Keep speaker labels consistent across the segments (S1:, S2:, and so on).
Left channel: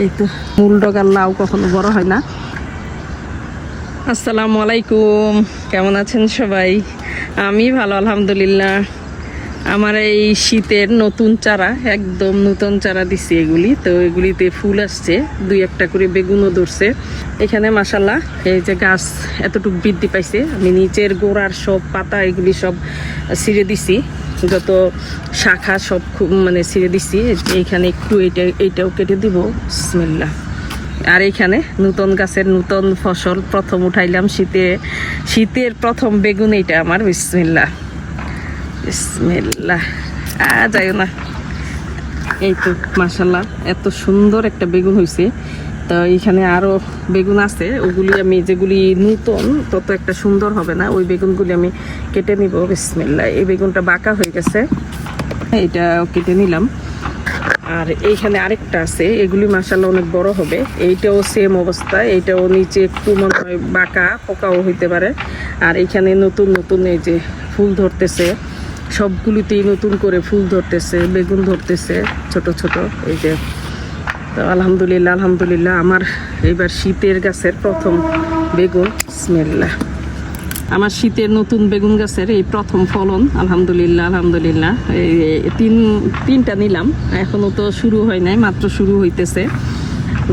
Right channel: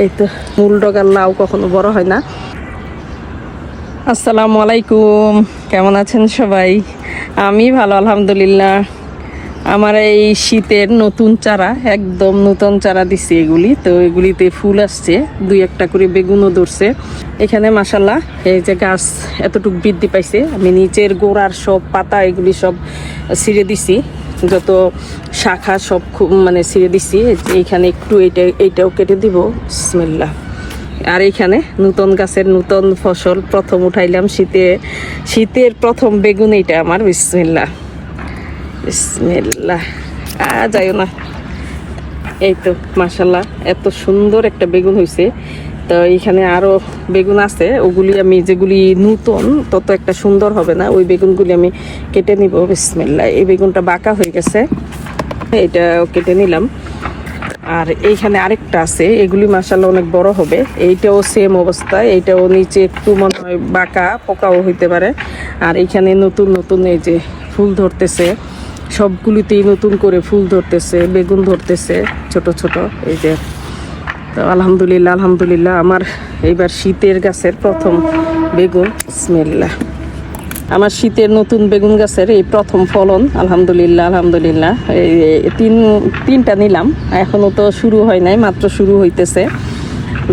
S1: এই তো মূল ডগার লাউ কখনো বড় হয় না। আসসালামু আলাইকুম। কেমন আছেন সবাই? আমি ভালো, আলহামদুলিল্লাহ। আমার এই শীতের নতুন চারা, একদম নতুন চারা দিছি এগুলি। তো এগুলিতে ফুল আসছে, দুই একটা করে বেগুনও ধরছে। এখানে মাসাল্লাহ এই যে গাছ এতটুকু বৃদ্ধি পাইছে। আমি নিচের গোড়ার সব পাতা এগুলি সব ছিঁড়ে দিছি। যত শাখা সব খুব মানে ছিঁড়ে দিছি, এইখানে একটু এইটা, এইটাও কেটে দিব। বিসমিল্লাহ। আর এখানে নতুন গাছের নতুন ফসল প্রথম উঠাইলাম শীতে, শীতের প্রথম বেগুন এইটা আমার বিসমিল্লা বিসমিল্লা আ যাইও না। এই তো মাসাল্লাহ এত সুন্দর একটা বেগুন হয়েছে তো এখানে আরও বেগুন আছে, ওগুলি আমি যেগুলি নতুন, তত একটা সুন্দর হবে না। ওই বেগুনগুলি আমি কেটে নিব বিসমিল্লা এই বেগুনটা বাঁকা হয়ে গেছে, এটা কেটে নিলাম। আর এইখানে আরেকটা আছে, এগুলি মাসাল্লাহ অনেক বড় হবে। এইটাও সেম অবস্থা, এইটাও নিচে একটু মনে হয় বাঁকা, পোকাও হইতে পারে। আর এইখানে নতুন নতুন এই যে ফুল ধরতেছে, সবগুলিতেই নতুন করে ফুল ধরতেছে, বেগুন ধরতেছে, ছোট ছোট, এই যে তো আলহামদুলিল্লাহ আলহামদুলিল্লাহ, আমার এইবার শীতের গাছের প্রথম বেগুন। স্মেল্লা আমার শীতের নতুন বেগুন গাছের এই প্রথম ফলন, আলহামদুলিল্লাহ আলহামদুলিল্লাহ। এই তিন, তিনটা নিলাম এখনও তো শুরু হয় নাই, মাত্র শুরু হইতেছে।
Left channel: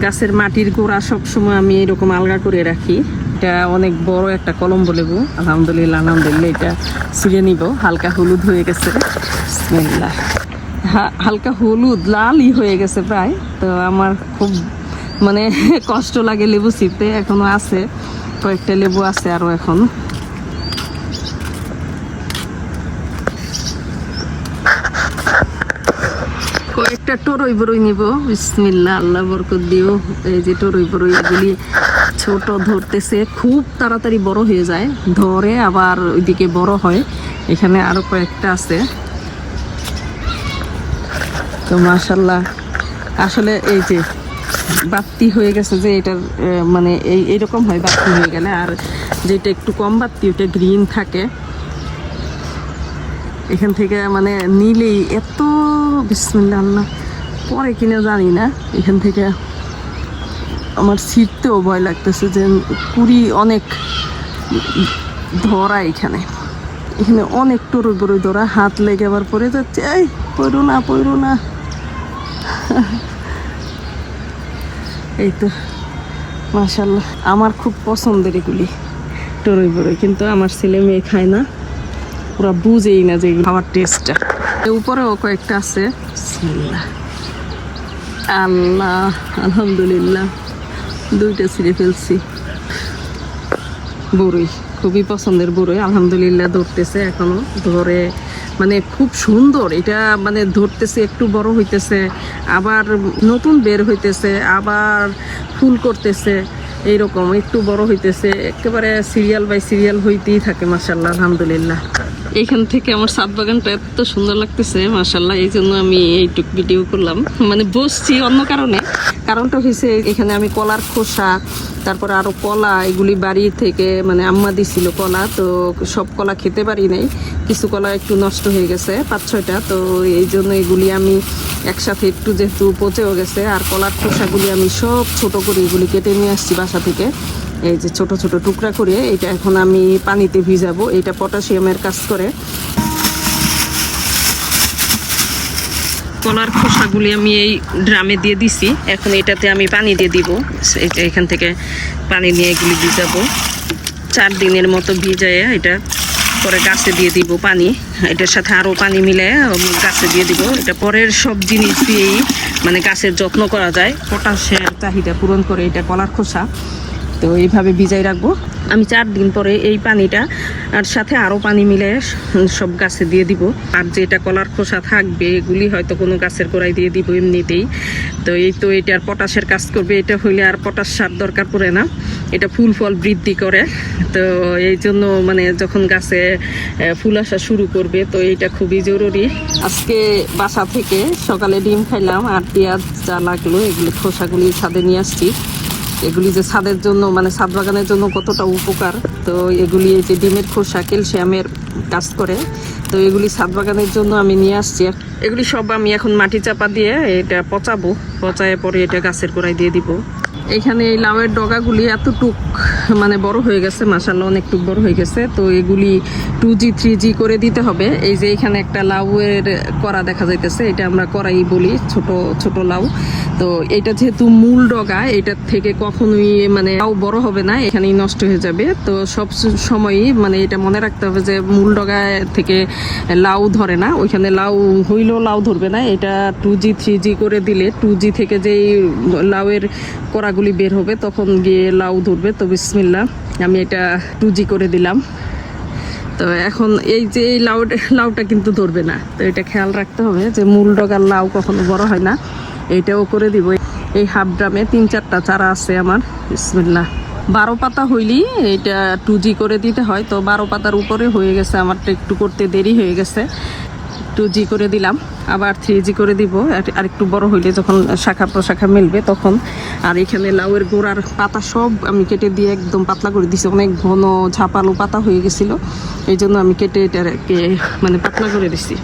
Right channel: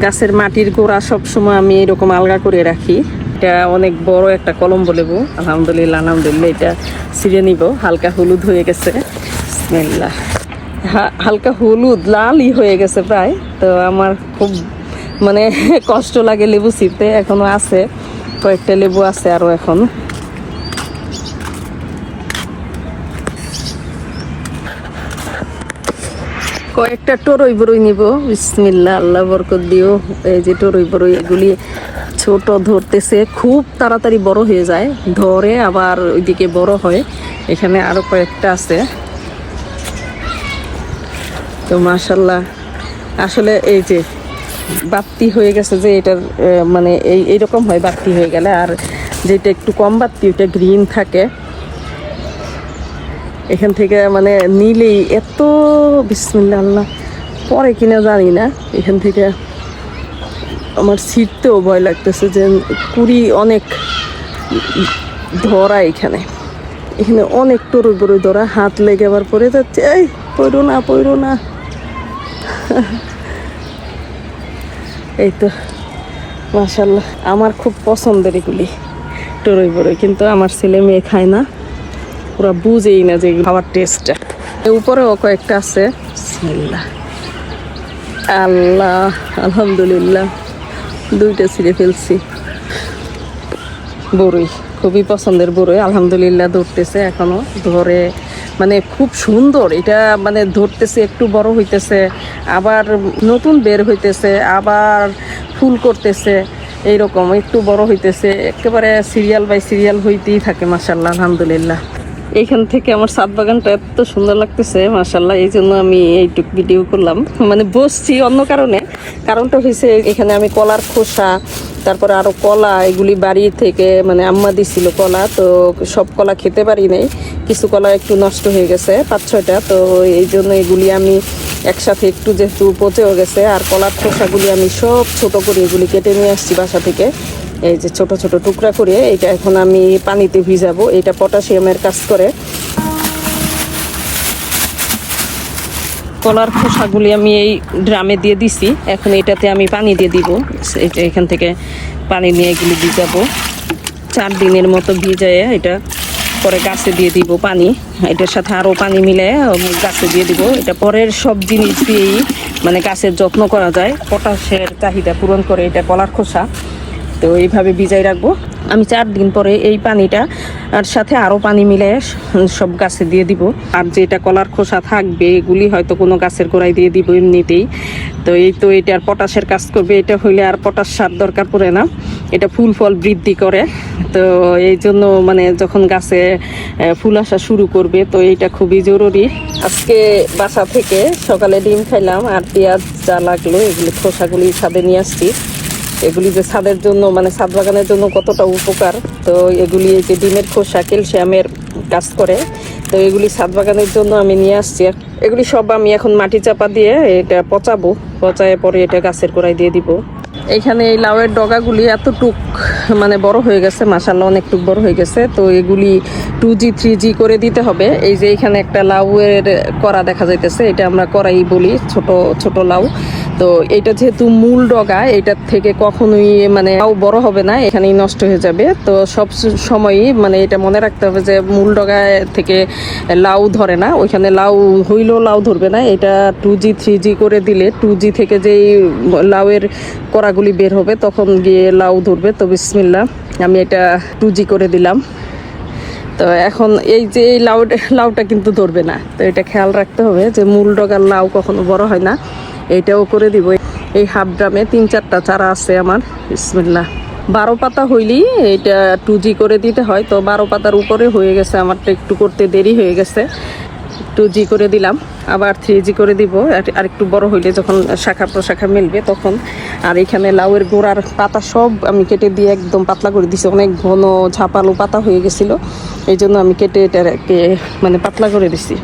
S1: গাছের মাটির গোড়া সব সময় আমি এরকম আলগা করে রাখি। এটা অনেক বড় একটা কলম লেবু, আলহামদুলিল্লাহ আলহামদুলিল্লাহ, এটা ছিঁড়ে নিব, হালকা হলুদ হয়ে গেছে। বিসমিল্লাহ। হালকা হলুদ, লালই হয়ে গেছে প্রায়। তো আমার খুব মানে কষ্ট লাগে লেবু ছিঁড়তে। এখনও আছে, কয়েকটা লেবু আছে আরও এখন। কয়েকটা টরই বরই নিব। বিসমিল্লা আল্লাহ বরকত দিও। এই যে টরই বরই, এগুলি ছোট ধরতেছে, খুব তাড়াতাড়ি বড় হয়ে যায়। ধরে আবার ওইদিকে বড় হয়। এখানে আরও কয়েকটা আছে। তো মাশাল্লাহ আসলে এই যে বাত্তি হয়ে গেছে যে এটার মানে এই, এইরকম হয় বাত্তি হয়ে গেলে, আর যেটা একটু কম বাত্তি ওটা গ্রিন থাকে। এখান থেকে মানে নিলেই এত বিসমিল্লা আল্লাহ, পরে কিনা জানি না। এখান থেকে আমার ছিটতেও ভয় লাগতেছে যে কুড়ি অনেক ধরা এখানে। এখানে অনেক টরু বড়ই ধরা, হাত লেগে আবার পড়ে যাচ্ছে, এই, পড়ো না পড়ো না। এই তো মাশাল্লাহ আমার খুব পছন্দের এগুলি, টরই বড়ই কিন্তু আমার ছেলে মেয়ে খায় না। ওরা বুঝেই না যে খাবার টেস্টটা উপরেও কয়েকটা আছে। আল্লাহ, আলহামদুলিল্লাহ। দুইটা ছিঁড়ে ফেলছি। বড়ই খুবই পছন্দের বড়ই আলহামদুলিল্লাহ ধরতেছে এখনও, ধরে মানে খুব সুন্দর, এটা মানে ধরতেছে একটু বড় হইতেছে, আবার নতুন বের হইতেছে, আবার ফুল করতেছে, এইরকম একটু বড় হইতেছে, একেবারে সিরিয়াল বাই সিরিয়াল হইতেই থাকে মাসাল্লাহ আলহামদুলিল্লাহ। এইখান থেকে আমার সাত বাগানটা এত সুন্দর লাগতেছে মাসাল্লাহ এই জন্য আমি এইটুক ভিডিও করলাম। মানে বসছি অন্য কারণে, কারণটা হয়েছে এখানে আমি কলার খোসা তারপরে আরও কলা, এগুলি বাড়ি থেকে মানে আম্মা দিছিল কলা, তো সব কলা খেতে পারি নাই। কিছু কলা একটু নষ্ট হয়ে গেছে, পাঁচ ছয়টা, তো এই জন্য এগুলি আমি একসাথে একটু যেহেতু পচেও গেছে, আর কলার খোসাগুলি আমি সব ছোট করে এগুলি কেটে নিয়ে আসছি বাসা থেকে। এই যে ছোট ছোট টুকরা করে, এটা এখন আমি পানিতে ভিজাবো। এটা পটাশিয়ামের কাজ করে। কলার খোসাগুলি আমি এই ড্রামে দিয়ে দিছি। এখন এটাতে আমি পানি দিয়ে দিব। এখান থেকে পানি নিয়ে এগুলি ভিজাবো। চার দিনের মতো ভিজায় এটা পরে গাছে দিয়ে দিব পানি। এটার সাথে আরও পানি মিলে গাছে দিয়ে দিব। এটা পরের সব জিনিস দিয়েই মানে গাছের যত্ন করা যায়। পটাশের চাহিদা পূরণ করে এটা কলার খোসা। তো এইভাবে ভিজাই রাখব। আমি চার দিন পরে এই পানিটা আর সাথে আরও পানি মিলে সব গাছে দিয়ে দিব। আর যেটা কলার খোসা থাকবে, এগুলি হয়তো কোনো গাছের গোড়ায় দিয়ে দিব এমনিতেই। তো এই তো এটার পটাশের কাজ করবে, এটা হইলে আর পটাশ সার দরকার পড়ে না। এটা ফুল ফল বৃদ্ধি করে। তো এই জন্য মানে যখন গাছে ফুল আসা শুরু করবে, তো এটা খুবই জরুরি। আজকে বাসা থেকে সকালে ডিম খাইলাম, আর পেঁয়াজ যা লাগল, এগুলি খোসাগুলি ছাদে নিয়ে আসছি। এগুলি যে ছাদের জন্য মানে ছাদ বাগানের জন্য কতটা উপকার, তো এগুলি এই যে ডিমের খোসা, ক্যালসিয়ামের কাজ করে। তো এগুলি ছাদ বাগানের জন্য আমি নিয়ে আসছি। এগুলি সব আমি এখন মাটি চাপা দিয়ে এটা পচাবো। পচায় পরে এটা গাছের গোড়ায় দিয়ে দিব। এখানে এই লাউয়ের ডগাগুলি এতটুক মানে বড় হয়ে গেছে মাসাল্লাহ অনেকটুক বড় হয়ে গেছে। তো এগুলি টু জি থ্রি জি করে দিতে হবে। এই যে এখানে একটা লাউয়ের করা দেখা যাইতেছে, এটা আমরা করাই বলি, ছোট ছোট লাউ। তো এটা যেহেতু মূল ডগা এটার থেকে কখনোই মানে লাউ বড় হবে না, এখানেই নষ্ট হয়ে যাবে। তো সব সময়ই মানে এটা মনে রাখতে হবে যে মূল ডগা থেকে লাউ ধরে না, ওইখানে লাউ হইলেও লাউ ধরবে না। এটা টু জি থ্রি জি করে দিলে টু জি থেকে যেই লাউয়ের কড়াগুলি বের হবে, তখন গিয়ে লাউ ধরবে। তো বিসমিল্লা আমি এটা টু জি করে দিলাম। তো এখন এই যে এই লাউ লাউটা কিন্তু ধরবে না। তো এটা খেয়াল রাখতে হবে যে মূল ডগার লাউ কখনো বড় হয় না। এটাও করে দিব। এই হাফ ড্রামে তিন চারটা চারা আছে আমার। বিসমিল্লা বারো পাতা হইলেই এটা টু জি করে দিতে হয়, তো বারো পাতার উপরে হয়ে গেছে আমারটা একটু করতে দেরি হয়ে গেছে। টু জি করে দিলাম, আবার থ্রি জি করে দিব। আর- আর একটু বড় হইলে যখন শাখা প্রশাখা মিলবে তখন। আর এখানে লাউয়ের গোড়ার পাতা সব আমি কেটে দিয়ে একদম পাতলা করে দিছি। অনেক ঘন ঝাপালো পাতা হয়ে গেছিল। এই জন্য আমি কেটে এটাকে মানে পাতলা করে দিছি।